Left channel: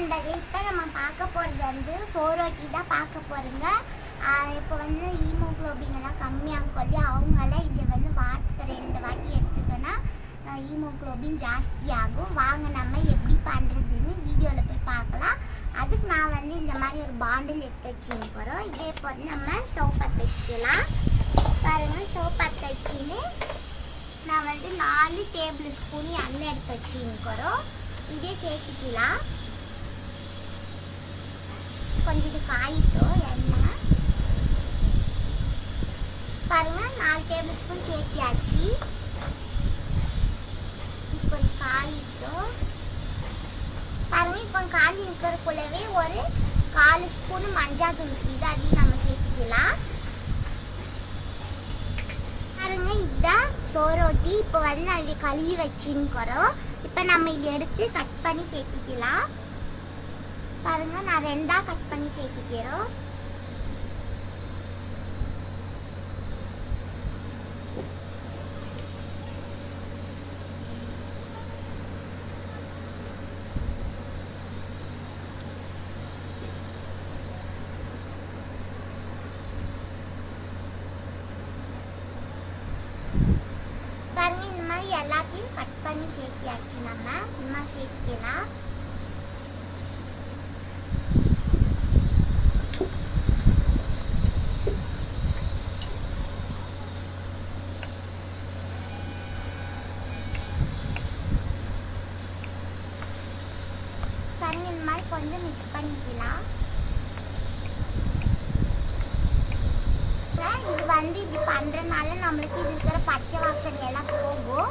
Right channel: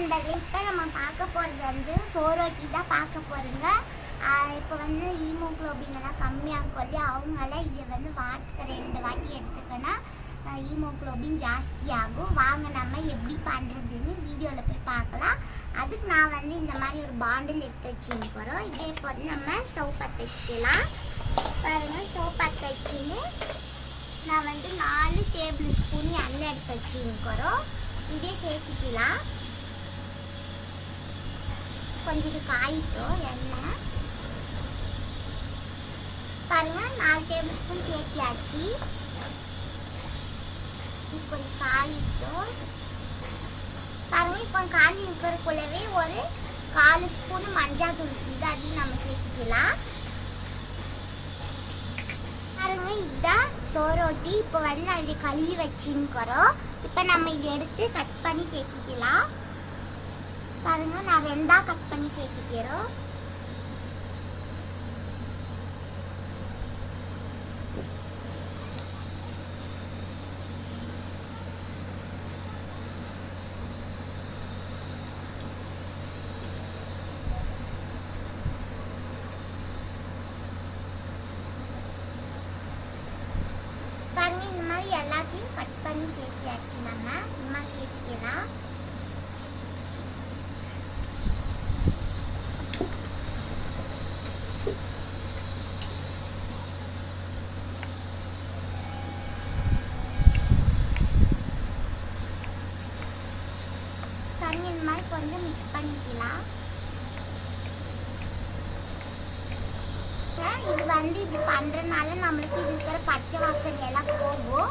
நண்பர்களே, இப்போ நம்ம பார்க்க போகிறது வந்து சோரோட்டி தான் பார்க்க போகிறோங்க. இப்போ வந்து ஹீமோக்ளோபின் எல்லாம் கம்மியாகும் இல்லையா, அவங்களாம் இதை வந்து வாரத்துக்கு 2 வாட்டி எடுத்துக்கன்னா ஹீமோக்ளோபின் ஜாஸ்தி ஆகும். வாங்க நம்ம எப்படி பண்ணுறதுன்னு வீடியோவில் போய் பார்க்கலாம். அதுக்கு நான் வந்து இந்த மாதிரி ஒரு பாண்டில் எடுத்து வச்சுக்கிறோம். இதே போது நம்ம ஸ்டவ் பற்ற வச்சுக்கலாம். பாருங்கள், ஸ்டவ் பற்ற வச்சுன்னு நான் வந்து 4 டேபிள் ஸ்பூன் எண்ணெய் எடுத்து வச்சுக்கிறோம். இதே சேர்த்துக்கலாம். கொஞ்சம் இது காயிட்டோம் எண்ணெய். பாருங்க, 4 டேபிள் ஸ்பூன் சேர்த்தியாச்சு. இது கொஞ்சம் காயிட்டோம். பாருங்க, இப்போ காஞ்சி இருக்கிறக்குள்ளவே ஒரு 4 ஸ்பூன் மஞ்சள் தூள் இது அதையும் நம்ம சேர்த்துக்கலாம். பாருங்க, இதுதான் சோரோட்டி. இப்போ வந்து நான் இதை கழுவி வச்சுக்கிறோம். இப்போ நம்ம இதை எடுத்து கட் பண்ணி சேர்த்துக்கலாம். பாருங்க, நான் 2ஆ கட் பண்ணி சேர்த்துக்கிறோம். பாருங்க, இந்த மாதிரி எல்லாத்தையும் கட் பண்ணி சேர்த்தியாச்சு. நம்ம இந்த மாதிரி சேர்த்துக்கலாம். பாருங்க, இந்த மாதிரி கொஞ்சம் மிக்ஸ் பண்ணிக்கலாம். இது வந்து இப்படி பண்றதுனால நம்மளுக்கு இது இருக்கிற பச்சை வாசனை எல்லாம் போகும்.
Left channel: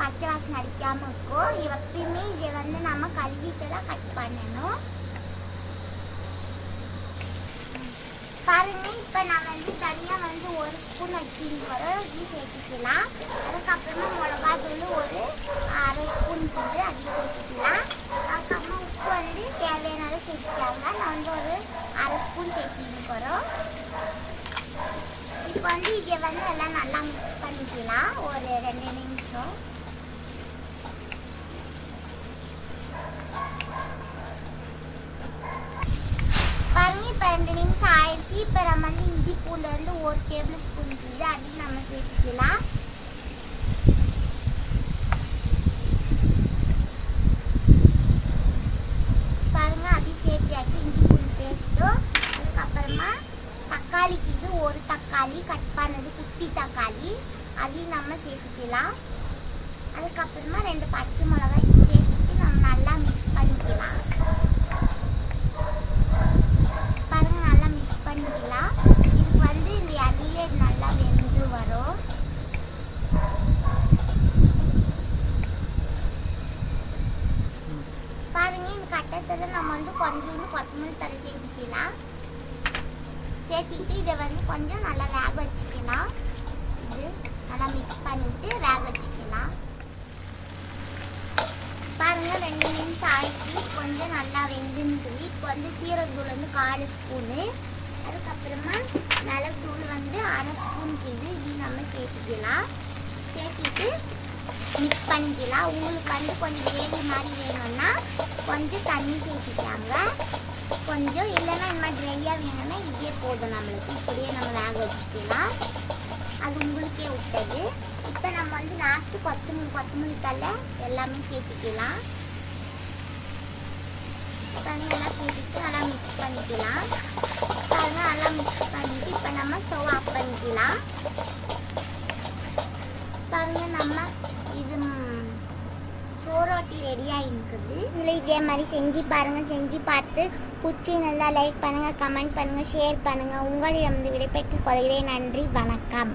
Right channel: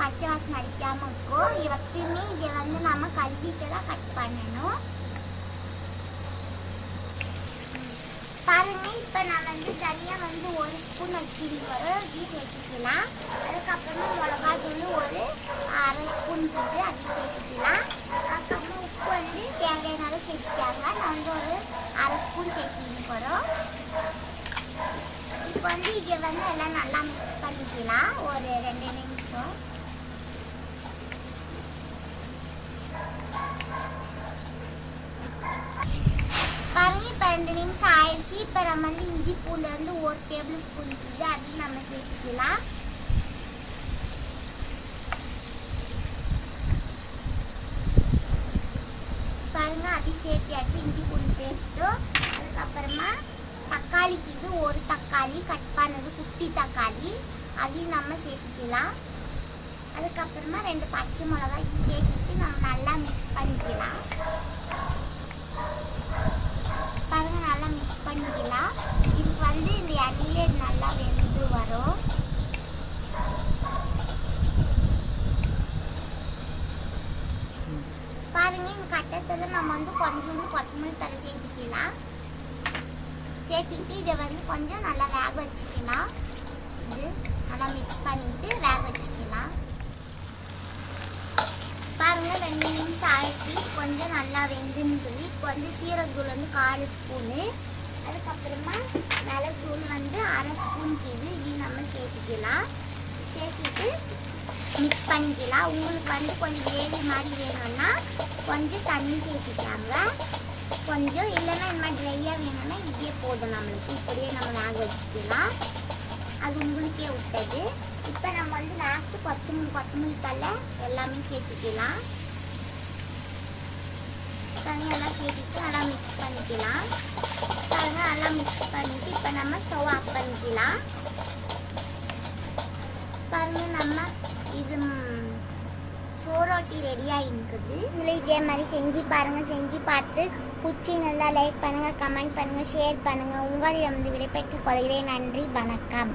பச்சை வாசனை அடிக்காம இருக்கும். எப்பயுமே இதை வந்து நம்ம கழுவிட்டு தான் கட் பண்ணணும். பாருங்க, இப்போ நான் வந்து தனியாக வந்து 1 ஸ்பூன் வச்சுக்கிறோம். இது சேர்த்துக்கலாம். அதுக்கப்புறமா மிளகா தூள் ஒரு 1/2 ஸ்பூன் கிட்ட அதையும் சேர்த்துக்கலாம். அதுக்கப்புறமா உப்பு வந்து தேவையான சேர்த்துக்காங்க. நான் வந்து ஒரு 1/2 ஸ்பூன் சேர்த்துக்கிறோம். இப்போ வந்து இதை வந்து எல்லாம் நல்லா மிக்ஸ் பண்ணிக்கலாம் ஒரு 2 நிமிஷம். பாருங்க, இப்போ 2 நிமிஷம் ஆயிடுச்சு. இப்போ நம்ம வந்து இஞ்சி பூண்டு வந்து 1 டேபிள் ஸ்பூன் இருக்குது அதையும் நம்ம சேர்த்துக்கலாம். பாருங்க, அதையும் சேர்த்தியாச்சு, இஞ்சி பூண்டு பேஸ்ட்டும். அதுக்கப்புறமா தக்காளிக்கு இது 1 தக்காளி கட் பண்ணது, குட்டி தக்காளி, அதையும் நம்ம சேர்த்துக்கலாம். அதுக்கப்புறமா 2 பச்சை மிளகாய் சேர்த்துட்டு நம்ம நல்லா மிக்ஸ் பண்ணிக்கலாம். பாருங்க, நல்லா மிக்ஸ் பண்ணிக்கலாம். இதுக்கு வந்து இந்த எண்ணெயிலே நல்லா வெந்து வரும். பாருங்க, இந்த கட்டத்தில் நம்ம வந்து கொஞ்சோண்டு கொத்தமல்லி தழை சேர்த்துக்கலாம். சேர்த்துக்கிட்டு இதை வந்து கொஞ்சம் நல்லா வேக வச்சுக்கலாம். இது நல்லா மிக்ஸ் பண்ணிட்டு வேக வச்சுக்கலாம். பாருங்க, 2 நிமிஷம் ஆயிடுச்சு. கொஞ்சம் நல்லா வெந்துன்னு. இப்போ வந்து சீரகத்தூள் வந்து 1/4 ஸ்பூனு. அதுக்கப்புறமா மிளகுத்தூள் வந்து 1/2 ஸ்பூனுக்கு இது நம்ம சேர்த்துக்கலாம். சேர்த்துட்டு மிக்ஸ் பண்ணிக்கலாம். உங்களுக்கு வந்து கொஞ்சம் கிரேவி மாதிரி வேணும்னா கொஞ்சம் தண்ணி சேர்த்துக்காங்க. கொஞ்சம் இல்லைன்னா இந்த மாதிரி ட்ரையாக வேணும்னா இதே போதும். நம்மளுக்கு இப்படியே நம்ம வேக வச்சுக்கலாம். அது உங்களுக்கே விட்டது. இப்போ நம்ம வந்து லாஸ்ட்டு கொத்தமல்லி தழை எல்லாமே சேர்த்துக்கலாம். தனியெல்லாம் சேர்த்துட்டு நல்லா மிக்ஸ் பண்ணிக்கலாம். அதெல்லாம் நல்லா மிக்ஸ் பண்ணிவிட்டு இப்போ நம்ம ஸ்டவ் ஆஃப் பண்ணிக்கலாம். பாருங்கள், நம்ம இது சோரோட்டி ரெடியாக இருக்குது. நீங்களும் இதே மாதிரி செஞ்சு பாருங்கள். செஞ்சு பார்த்து பிடிச்சிருந்தா லைக் பண்ணுங்கள், கமெண்ட் பண்ணுங்கள், ஷேர் பண்ணுங்கள். உங்களிடம் விடைபெற்றுக் கொள்கிறேன். நன்றி, வணக்கம்.